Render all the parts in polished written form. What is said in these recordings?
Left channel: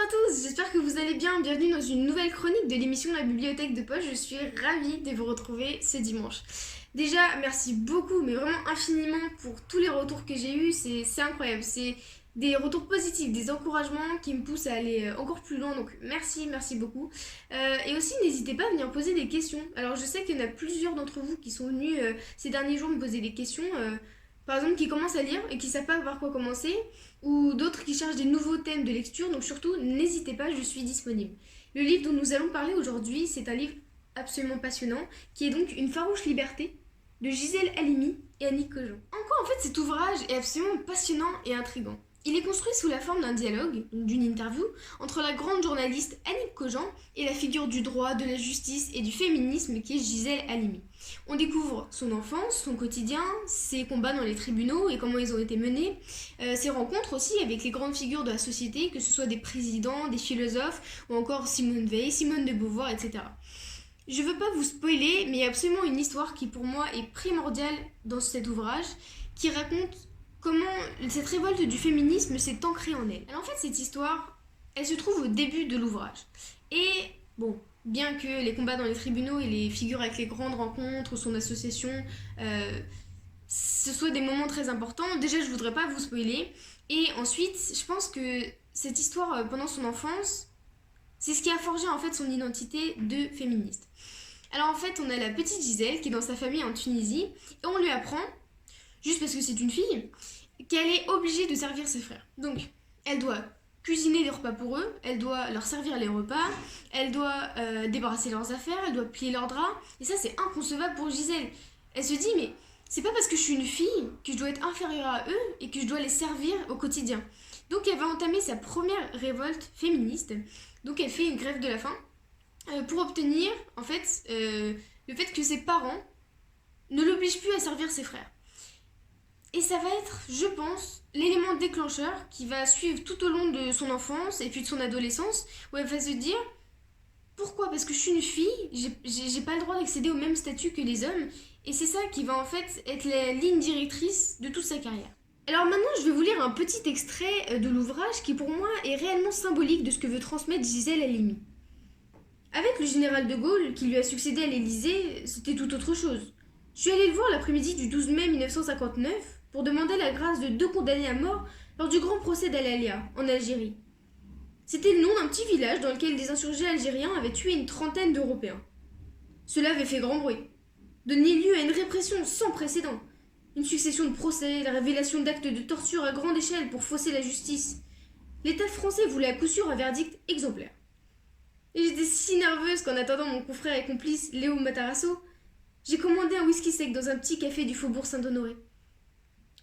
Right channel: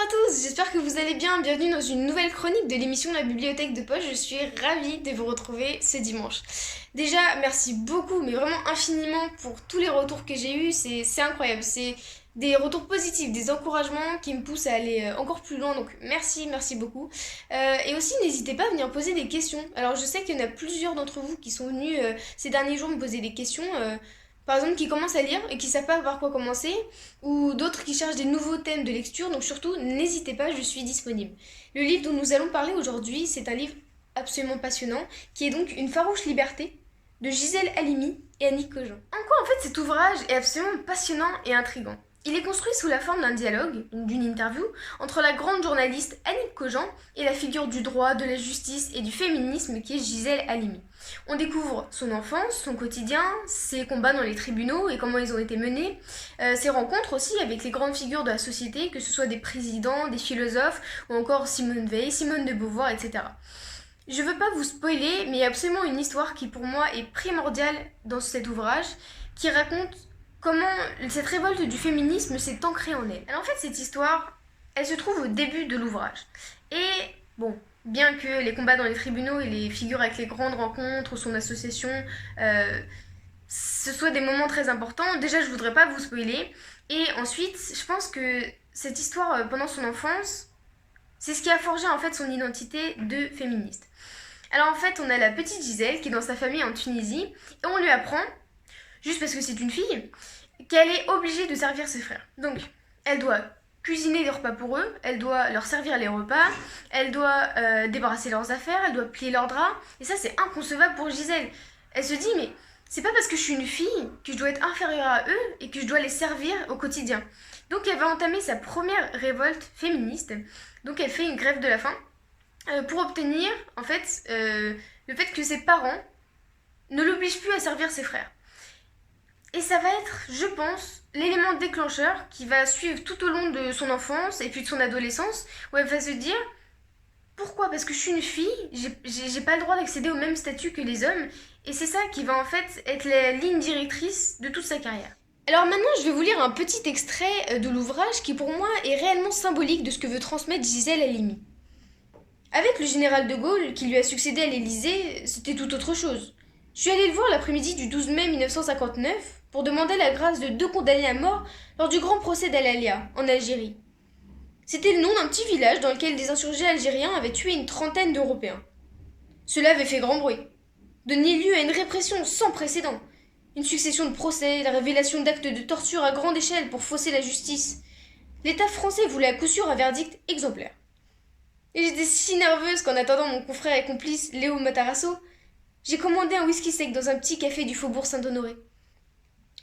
à tous, j'espère que vous allez bien. Bienvenue dans une nouvelle chronique de l'émission La Bibliothèque de Poche. Je suis ravie de vous retrouver ce dimanche. Déjà, merci beaucoup, mais vraiment infiniment pour tous les retours que j'ai eus. C'est incroyable. C'est des retours positifs, des encouragements qui me poussent à aller encore plus loin. Donc merci beaucoup. Et aussi, n'hésitez pas à venir poser des questions. Alors, je sais qu'il y en a plusieurs d'entre vous qui sont venus ces derniers jours me poser des questions. Par exemple, qui commencent à lire et qui ne savent pas par quoi commencer, ou d'autres qui cherchent des nouveaux thèmes de lecture, donc surtout, n'hésitez pas, je suis disponible. Le livre dont nous allons parler aujourd'hui, c'est un livre absolument passionnant, qui est donc Une farouche liberté, de Gisèle Halimi et Annick Cogent. En quoi, en fait, cet ouvrage est absolument passionnant et intrigant. Il est construit sous la forme d'un dialogue, donc d'une interview, entre la grande journaliste Annick Cogent et la figure du droit, de la justice et du féminisme qui est Gisèle Halimi. On découvre son enfance, son quotidien, ses combats dans les tribunaux et comment ils ont été menés, ses rencontres aussi avec les grandes figures de la société, que ce soit des présidents, des philosophes ou encore Simone Veil, Simone de Beauvoir, etc. Je veux pas vous spoiler, mais il y a absolument une histoire qui pour moi est primordiale dans cet ouvrage, qui raconte comment cette révolte du féminisme s'est ancrée en elle. Alors en fait, cette histoire, elle se trouve au début de l'ouvrage. Et bon, bien que les combats dans les tribunaux et les figures avec les grandes rencontres, son association, ce soient des moments très importants, déjà je voudrais pas vous spoiler. Et ensuite, je pense que cette histoire pendant son enfance, c'est ce qui a forgé en fait son identité de féministe. Alors en fait, on a la petite Gisèle qui est dans sa famille en Tunisie, et on lui apprend, juste parce que c'est une fille, qu'elle est obligée de servir ses frères. Donc, elle doit cuisiner des repas pour eux, elle doit leur servir les repas, elle doit débarrasser leurs affaires, elle doit plier leurs draps. Et ça, c'est inconcevable pour Gisèle. Elle se dit, mais c'est pas parce que je suis une fille que je dois être inférieure à eux et que je dois les servir au quotidien. Donc, elle va entamer sa première révolte féministe. Donc, elle fait une grève de la faim pour obtenir, en fait, le fait que ses parents ne l'obligent plus à servir ses frères. Et ça va être, je pense, l'élément déclencheur qui va suivre tout au long de son enfance et puis de son adolescence, où elle va se dire pourquoi ? Parce que je suis une fille, j'ai pas le droit d'accéder au même statut que les hommes, et c'est ça qui va en fait être la ligne directrice de toute sa carrière. Alors maintenant, je vais vous lire un petit extrait de l'ouvrage qui pour moi est réellement symbolique de ce que veut transmettre Gisèle Halimi. Avec le général de Gaulle qui lui a succédé à l'Élysée, c'était tout autre chose. Je suis allée le voir l'après-midi du 12 mai 1959 pour demander la grâce de 2 condamnés à mort lors du grand procès d'Al-Alia, en Algérie. C'était le nom d'un petit village dans lequel des insurgés algériens avaient tué une trentaine d'Européens. Cela avait fait grand bruit, donné lieu à une répression sans précédent, une succession de procès, la révélation d'actes de torture à grande échelle pour fausser la justice. L'État français voulait à coup sûr un verdict exemplaire. Et j'étais si nerveuse qu'en attendant mon confrère et complice Léo Matarasso, j'ai commandé un whisky sec dans un petit café du faubourg Saint-Honoré.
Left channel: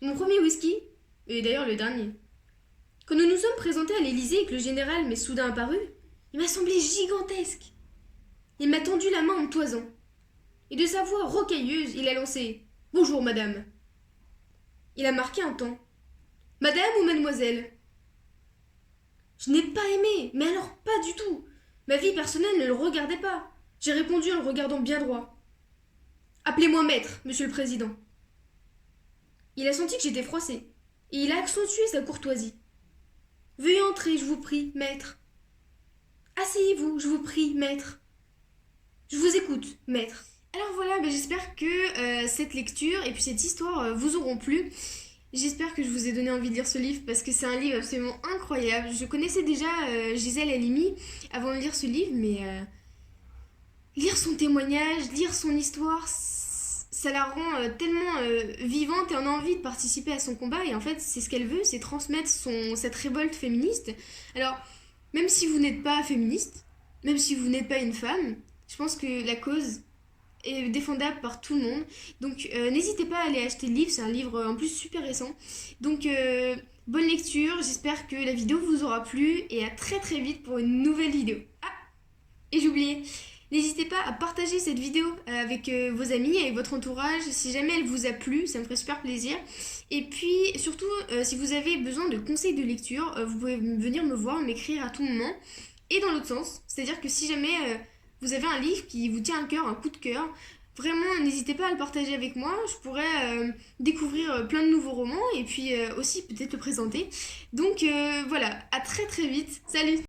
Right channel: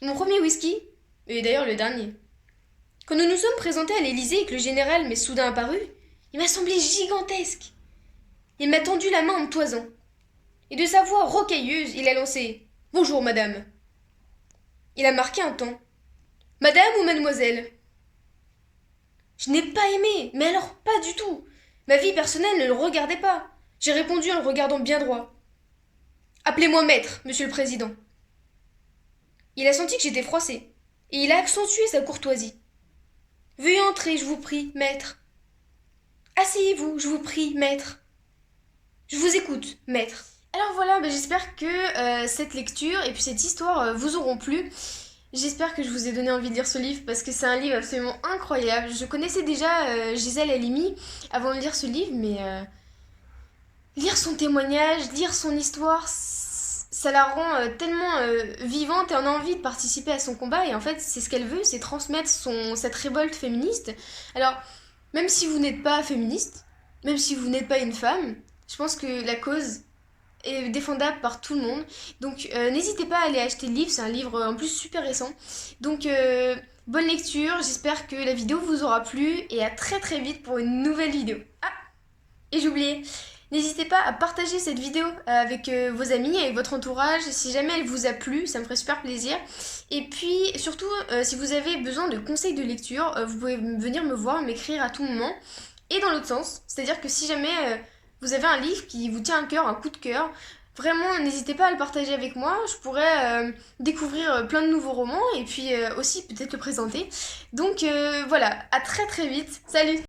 Mon premier whisky, et d'ailleurs le dernier. Quand nous nous sommes présentés à l'Élysée et que le général m'est soudain apparu, il m'a semblé gigantesque. Il m'a tendu la main en me toisant. Et de sa voix rocailleuse, il a lancé « Bonjour, madame ». Il a marqué un temps. « Madame ou mademoiselle ?» Je n'ai pas aimé, mais alors pas du tout. Ma vie personnelle ne le regardait pas. J'ai répondu en le regardant bien droit. « Appelez-moi maître, monsieur le président. » Il a senti que j'étais froissée, et il a accentué sa courtoisie. « Veuillez entrer, je vous prie, maître. »« Asseyez-vous, je vous prie, maître. »« Je vous écoute, maître. » Alors voilà, j'espère que cette lecture et puis cette histoire vous auront plu. J'espère que je vous ai donné envie de lire ce livre parce que c'est un livre absolument incroyable. Je connaissais déjà Gisèle Halimi avant de lire ce livre, mais lire son témoignage, lire son histoire, ça la rend tellement vivante et on a envie de participer à son combat. Et en fait, c'est ce qu'elle veut, c'est transmettre cette révolte féministe. Alors, même si vous n'êtes pas féministe, même si vous n'êtes pas une femme, je pense que la cause est défendable par tout le monde. Donc, n'hésitez pas à aller acheter le livre. C'est un livre en plus super récent. Donc, bonne lecture. J'espère que la vidéo vous aura plu et à très très vite pour une nouvelle vidéo. Ah, et j'ai oublié. N'hésitez pas à partager cette vidéo avec vos amis, avec votre entourage, si jamais elle vous a plu, ça me ferait super plaisir. Et puis surtout, si vous avez besoin de conseils de lecture, vous pouvez venir me voir, m'écrire à tout moment. Et dans l'autre sens, c'est-à-dire que si jamais vous avez un livre qui vous tient à cœur, un coup de cœur, vraiment n'hésitez pas à le partager avec moi, je pourrais découvrir plein de nouveaux romans et puis aussi peut-être le présenter. Donc voilà, à très très vite, salut!